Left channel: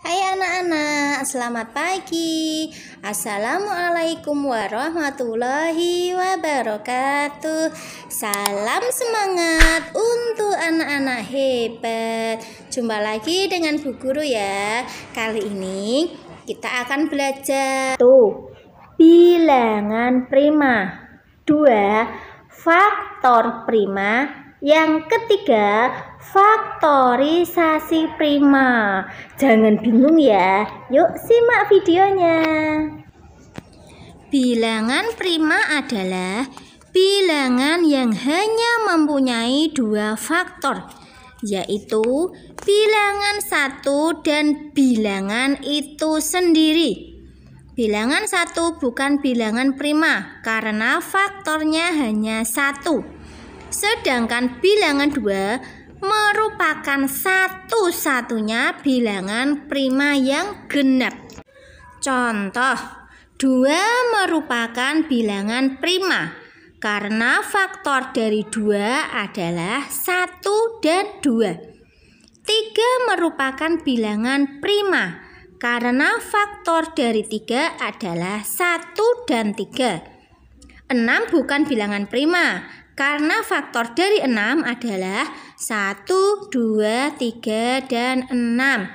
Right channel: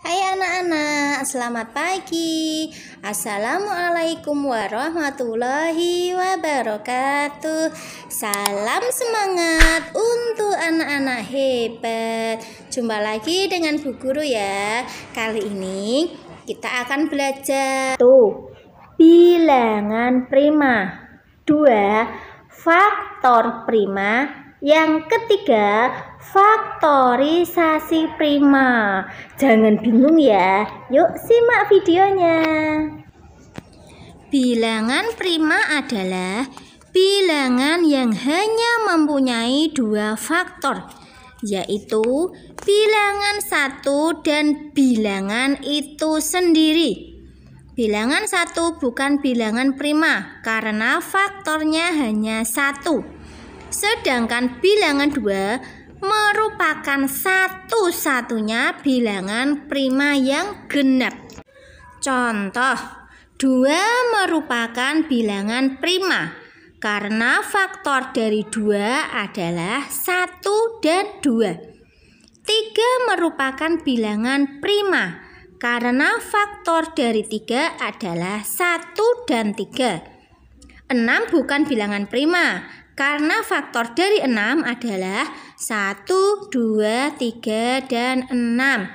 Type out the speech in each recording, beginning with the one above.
Hai anak-anak, selamat pagi. Assalamualaikum warahmatullahi wabarakatuh. Salam semangat untuk anak-anak hebat. Jumpa lagi dengan Bu Guru ya. Kali ini kita akan belajar bilangan prima, 2 faktor prima, yang ketiga faktorisasi prima. Jangan bingung ya, yuk simak videonya. Bilangan prima adalah bilangan yang hanya mempunyai 2 faktor, yaitu bilangan 1 dan bilangan itu sendiri. Bilangan 1 bukan bilangan prima karena faktornya hanya 1. Sedangkan bilangan 2 merupakan satu-satunya bilangan prima yang genap. Contoh, 2 merupakan bilangan prima karena faktor dari 2 adalah 1 dan 2. 3 merupakan bilangan prima karena faktor dari 3 adalah 1 dan 3. 6 bukan bilangan prima karena faktor dari 6 adalah 1, 2, 3, dan 6.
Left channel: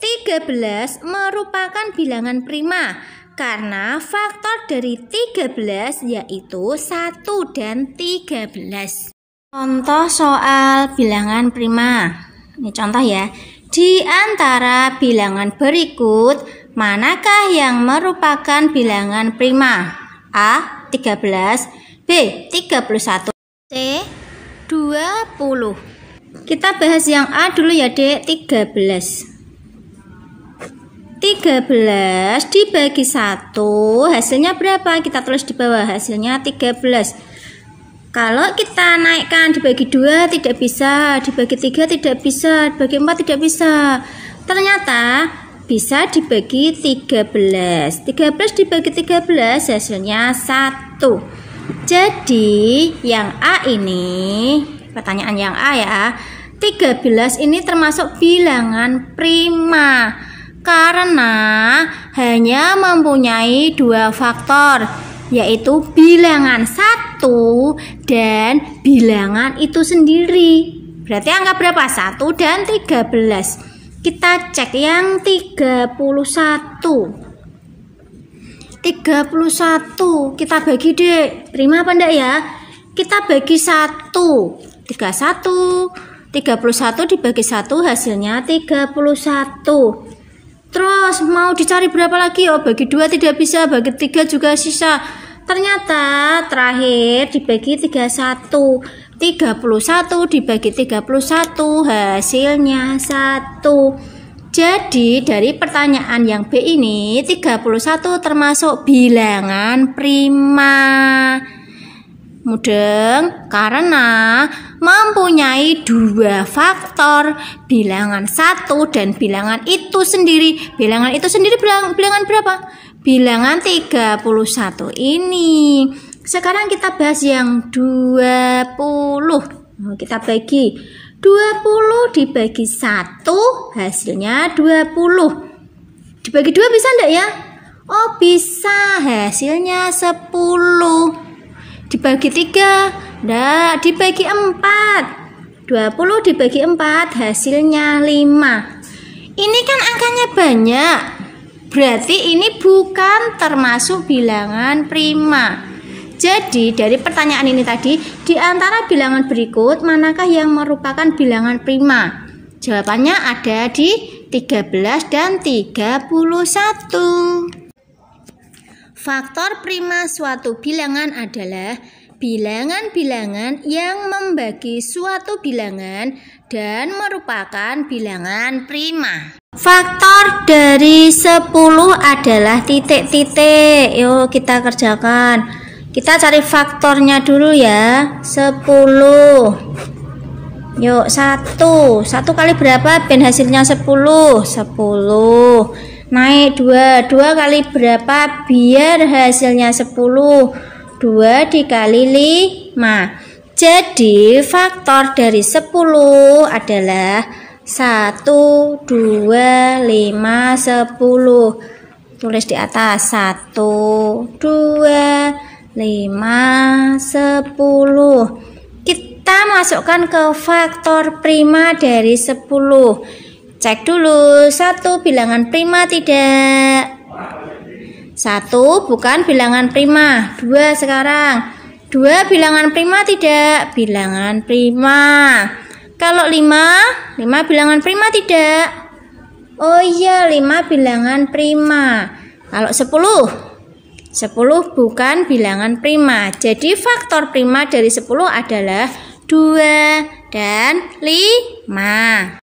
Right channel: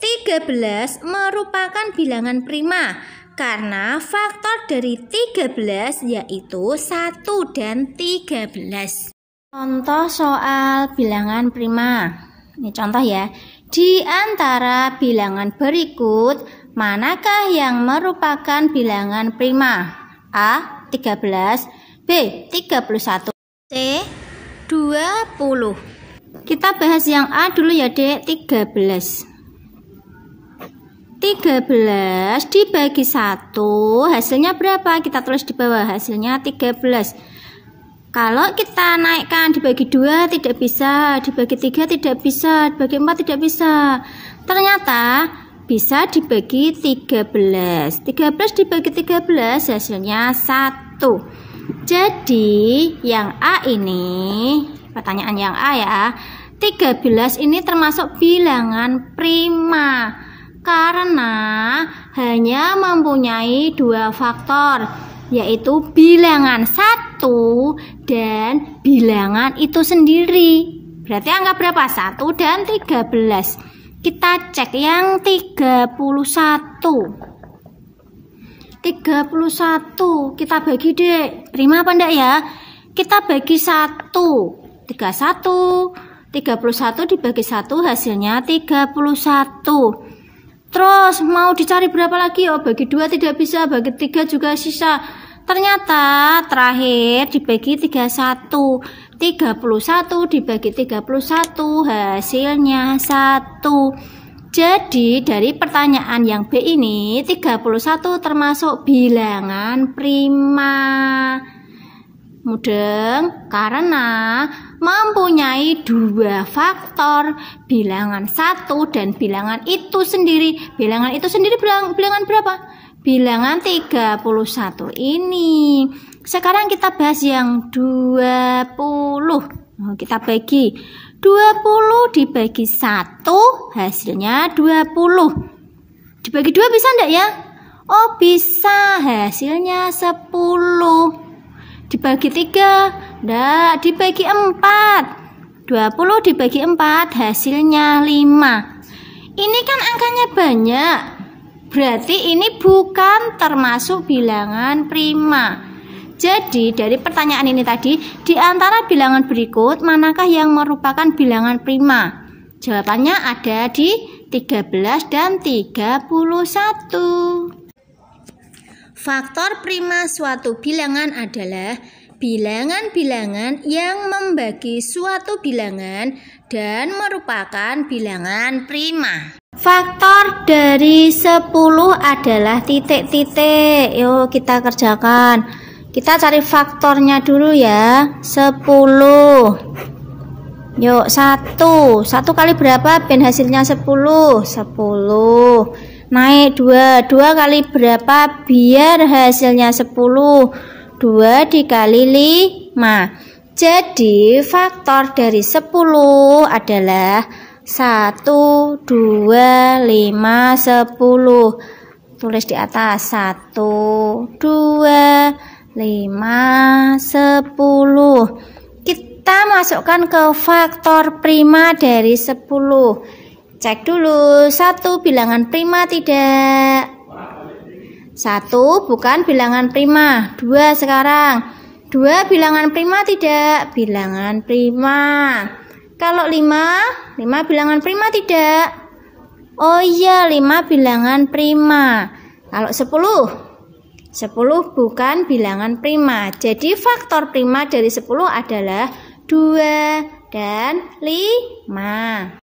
13 merupakan bilangan prima karena faktor dari 13 yaitu 1 dan 13. Contoh soal bilangan prima. Ini contoh ya. Di antara bilangan berikut, manakah yang merupakan bilangan prima? A. 13, B. 31, C. 20. Kita bahas yang A dulu ya Dek, 13. 13 dibagi 1 hasilnya berapa? Kita tulis di bawah, hasilnya 13. Kalau kita naikkan dibagi 2 tidak bisa, dibagi 3 tidak bisa, dibagi 4 tidak bisa. Ternyata bisa dibagi 13. 13 dibagi 13 hasilnya 1. Jadi yang A ini, pertanyaan yang A ya, 13 ini termasuk bilangan prima karena hanya mempunyai 2 faktor, yaitu bilangan 1 dan bilangan itu sendiri. Berarti angka berapa? 1 dan 13. Kita cek yang 31. 31 kita bagi Dek, prima apa enggak ya? Kita bagi 1, 31 dibagi 1 hasilnya 31. Terus mau dicari berapa lagi? Oh, bagi 2 tidak bisa, bagi 3 juga sisa. Ternyata terakhir dibagi 31. 31 dibagi 31 hasilnya 1. Jadi dari pertanyaan yang B ini 31 termasuk bilangan prima. Mudeng karena mempunyai 2 faktor, bilangan 1 dan bilangan itu sendiri. Bilangan itu sendiri bilangan berapa? Bilangan 31 ini. Sekarang kita bahas yang 20. Kita bagi 20 dibagi 1 hasilnya 20. Dibagi 2 bisa enggak ya? Oh bisa, hasilnya 10. Dibagi 3 enggak, dibagi 4. 20 dibagi 4 hasilnya 5. Ini kan angkanya banyak, berarti ini bukan termasuk bilangan prima. Jadi dari pertanyaan ini tadi, di antara bilangan berikut manakah yang merupakan bilangan prima? Jawabannya ada di 13 dan 31. Faktor prima suatu bilangan adalah bilangan-bilangan yang membagi suatu bilangan dan merupakan bilangan prima. Faktor dari 10 adalah titik-titik. Yuk kita kerjakan. Kita cari faktornya dulu ya. 10. Yuk 1 kali berapa? Ben hasilnya 10. 10. Naik 2 kali berapa? Biar hasilnya 10. 2 dikali 5. Jadi faktor dari 10 adalah 1, 2, 5, 10. Tulis di atas 1, 2, 5, 10. Kita masukkan ke faktor prima dari 10. Cek dulu, 1 bilangan prima tidak? 1 bukan bilangan prima. 2 sekarang. 2 bilangan prima tidak? Bilangan prima. Kalau 5 bilangan prima tidak? Oh iya, 5 bilangan prima. Kalau 10 bukan bilangan prima. Jadi faktor prima dari 10 adalah 2 dan 5.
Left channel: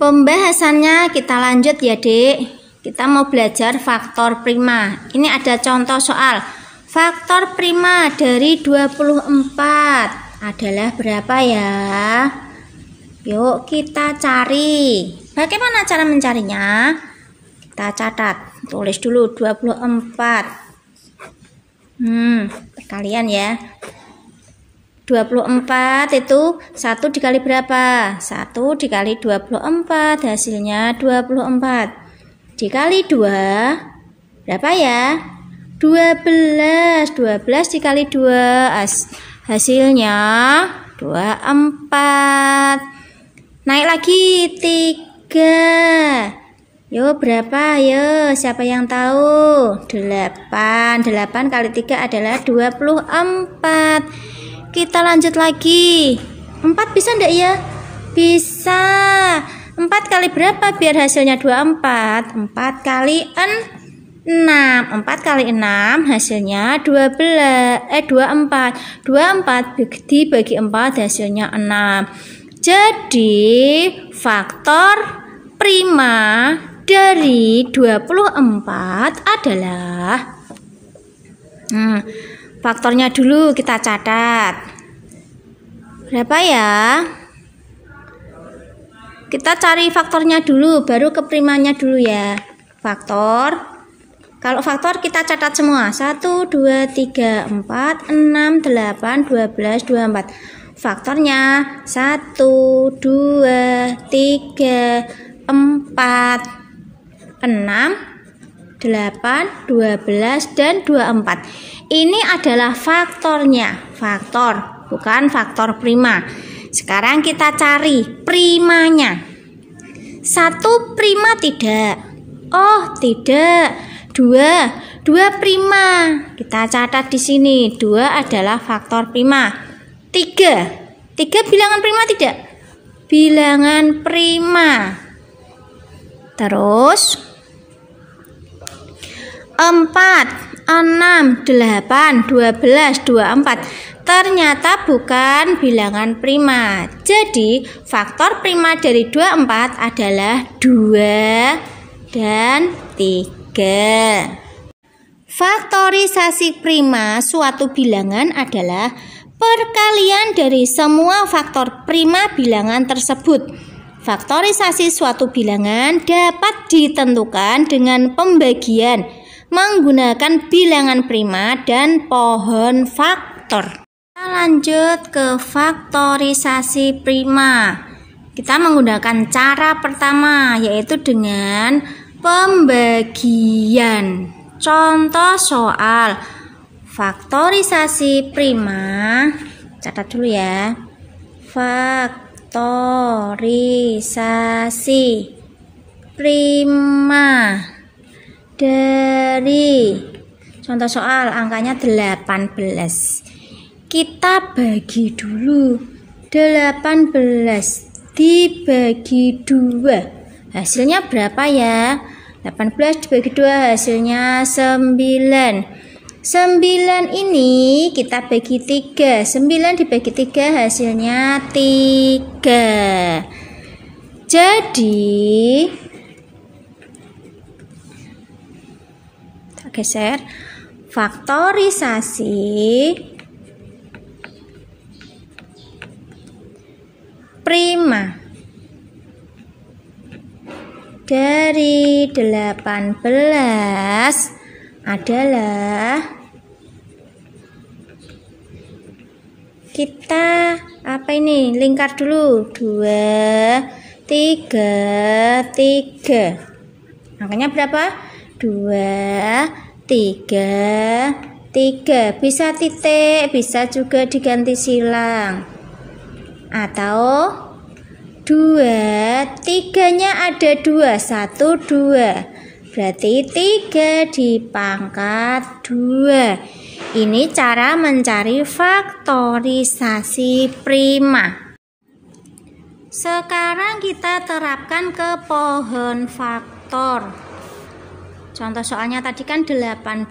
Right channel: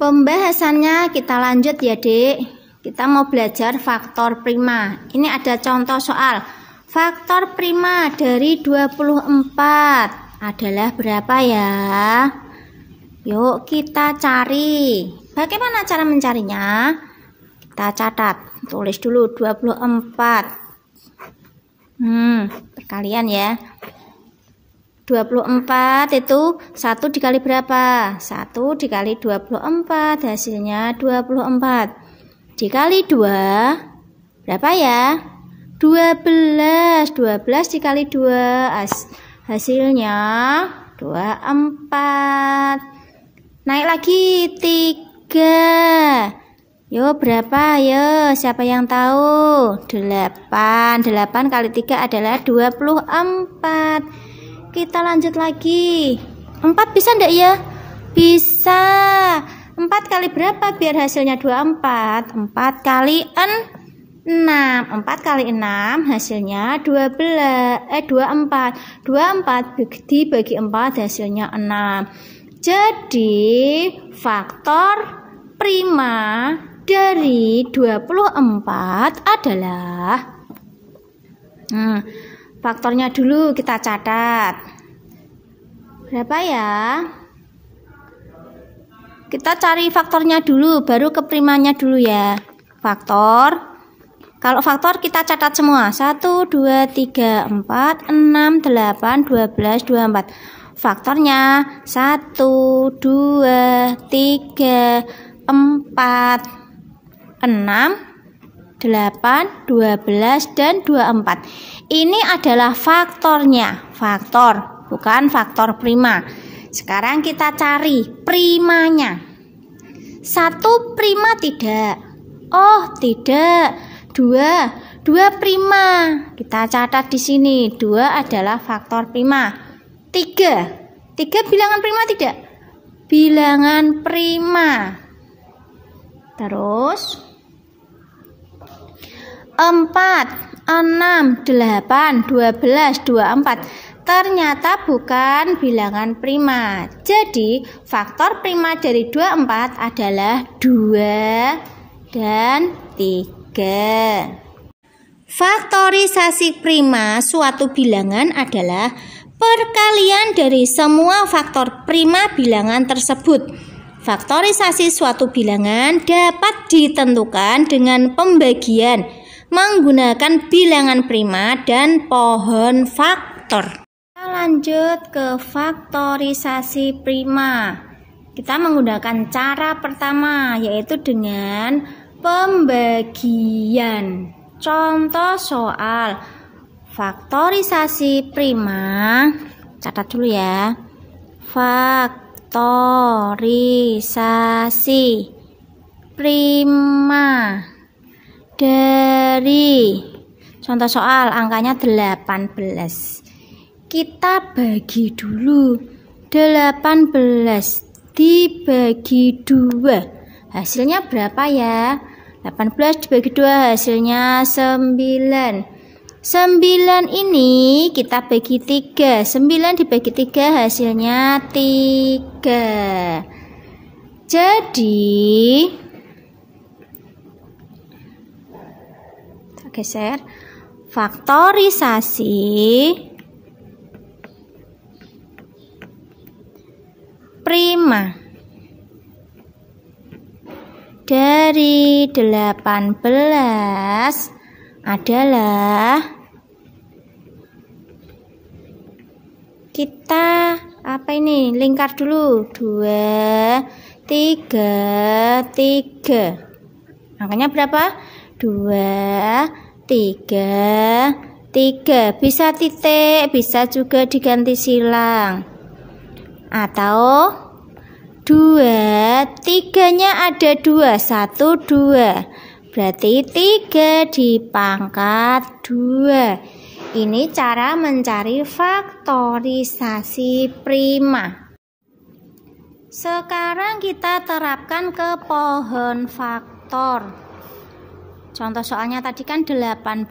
Pembahasannya kita lanjut ya, Dek. Kita mau belajar faktor prima. Ini ada contoh soal. Faktor prima dari 24 adalah berapa ya? Yuk kita cari. Bagaimana cara mencarinya? Kita catat. Tulis dulu 24. Perkalian ya. 24 itu 1 dikali berapa? 1 dikali 24 hasilnya 24. Dikali 2 berapa ya? 12. 12 dikali 2 hasilnya 24. Naik lagi 3. Yo berapa? Yo siapa yang tahu? 8. 8 kali 3 adalah 24. Kita lanjut lagi. 4 bisa enggak ya? Bisa. 4 kali berapa biar hasilnya 24? 4 kali 6. 4 kali 6 hasilnya 24. 24 dibagi 4 hasilnya 6. Jadi faktor prima dari 24 adalah faktornya dulu kita catat. Berapa ya? Kita cari faktornya dulu, baru ke primanya dulu ya. Faktor. Kalau faktor kita catat semua. 1, 2, 3, 4, 6, 8, 12, 24. Faktornya 1, 2, 3, 4, 6, 8, 12, dan 24. Ini adalah faktornya. Faktor, bukan faktor prima. Sekarang kita cari primanya. 1 prima tidak? Oh, tidak. 2 prima. Kita catat di sini. 2 adalah faktor prima. 3 bilangan prima tidak? Bilangan prima. Terus 4, 6, 8, 12, 24. Ternyata bukan bilangan prima. Jadi faktor prima dari 24 adalah 2 dan 3. Faktorisasi prima suatu bilangan adalah perkalian dari semua faktor prima bilangan tersebut. Faktorisasi suatu bilangan dapat ditentukan dengan pembagian menggunakan bilangan prima dan pohon faktor. Kita lanjut ke faktorisasi prima. Kita menggunakan cara pertama, yaitu dengan pembagian. Contoh soal faktorisasi prima, catat dulu ya. Faktorisasi prima dari, contoh soal angkanya 18. Kita bagi dulu. 18 dibagi 2. Hasilnya berapa ya? 18 dibagi 2 hasilnya 9. 9 ini kita bagi 3. 9 dibagi 3 hasilnya 3. Jadi kita geser. Faktorisasi prima dari 18 adalah, kita apa ini, lingkar dulu, 2 3, 3. Angkanya berapa? 2, 3, 3. Bisa titik, bisa juga diganti silang. Atau 2, 3-nya ada 2, 1, 2. Berarti 3 dipangkat 2. Ini cara mencari faktorisasi prima. Sekarang kita terapkan ke pohon faktor. Contoh soalnya tadi kan 18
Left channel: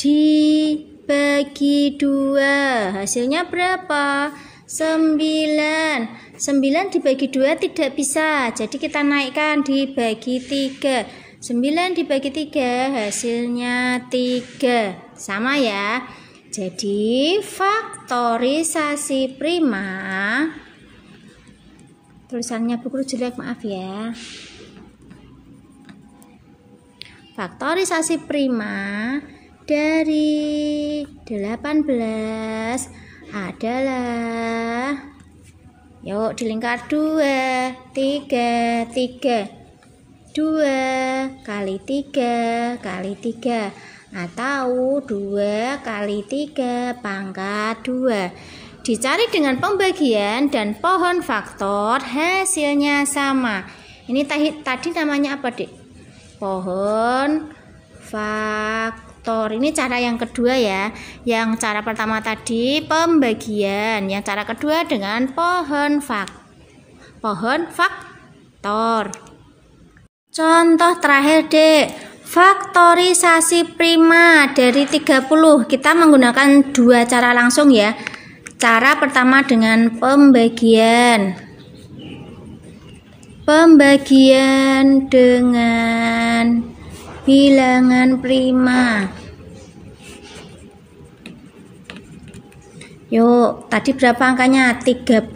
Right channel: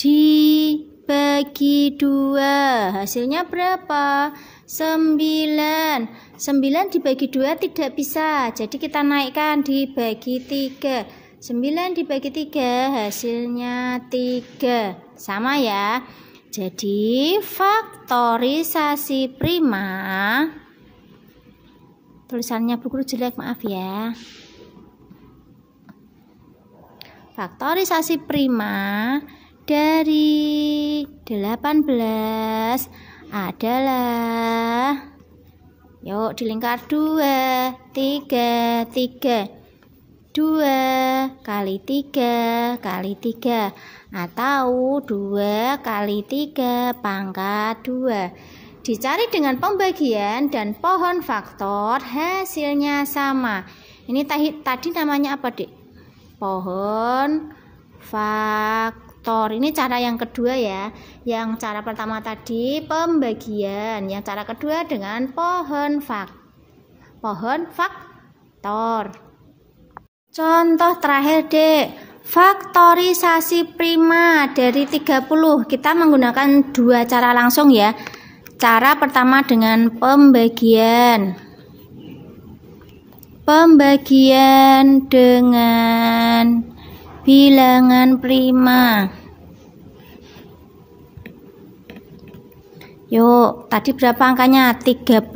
dibagi 2, hasilnya berapa? 9. 9 dibagi 2 tidak bisa, jadi kita naikkan dibagi 3. 9 dibagi 3 hasilnya 3. Sama ya. Jadi faktorisasi prima, tulisannya Bu Guru jelek, maaf ya. Faktorisasi prima dari 18 adalah, yuk dilingkar 2, 3, 3. 2 kali 3 kali 3, atau 2 kali 3 pangkat 2. Dicari dengan pembagian dan pohon faktor, hasilnya sama. Ini tadi namanya apa, Dik? Pohon faktor. Ini cara yang kedua ya. Yang cara pertama tadi pembagian, yang cara kedua dengan pohon faktor. Contoh terakhir, Dek. Faktorisasi prima dari 30. Kita menggunakan dua cara langsung ya. Cara pertama dengan pembagian. Pembagian dengan bilangan prima. Yuk, tadi berapa angkanya? 30.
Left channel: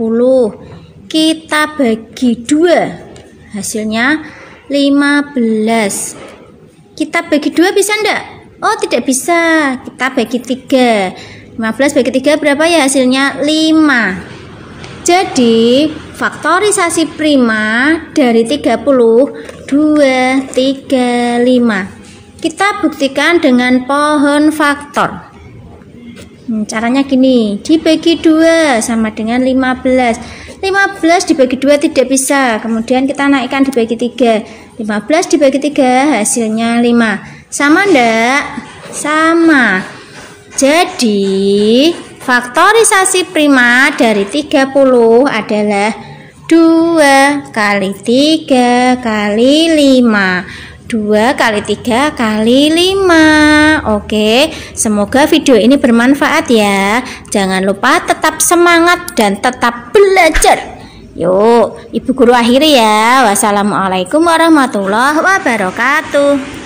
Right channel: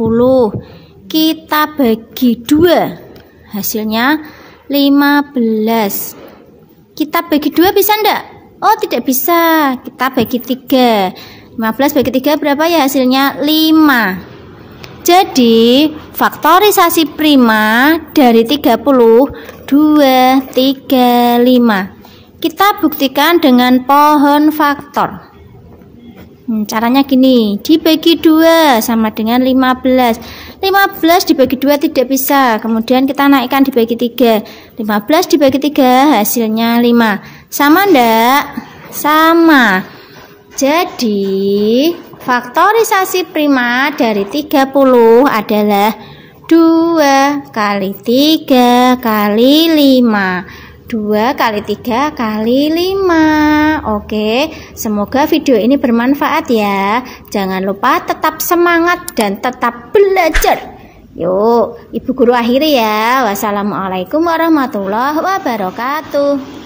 Kita bagi 2. Hasilnya 15. Kita bagi 2 bisa enggak? Oh, tidak bisa. Kita bagi 3. 15 bagi 3 berapa ya hasilnya? 5. Jadi faktorisasi prima dari 30 2, 3, 5. Kita buktikan dengan pohon faktor. Caranya gini, dibagi 2 sama dengan 15. 15 dibagi 2 tidak bisa, kemudian kita naikkan dibagi 3. 15 dibagi 3 hasilnya 5. Sama enggak? Sama. Jadi faktorisasi prima dari 30 adalah 2 kali 3 kali 5. 2 kali 3 kali 5. Oke, semoga video ini bermanfaat ya. Jangan lupa tetap semangat dan tetap belajar. Yuk, Ibu Guru akhiri ya. Wassalamualaikum warahmatullahi wabarakatuh.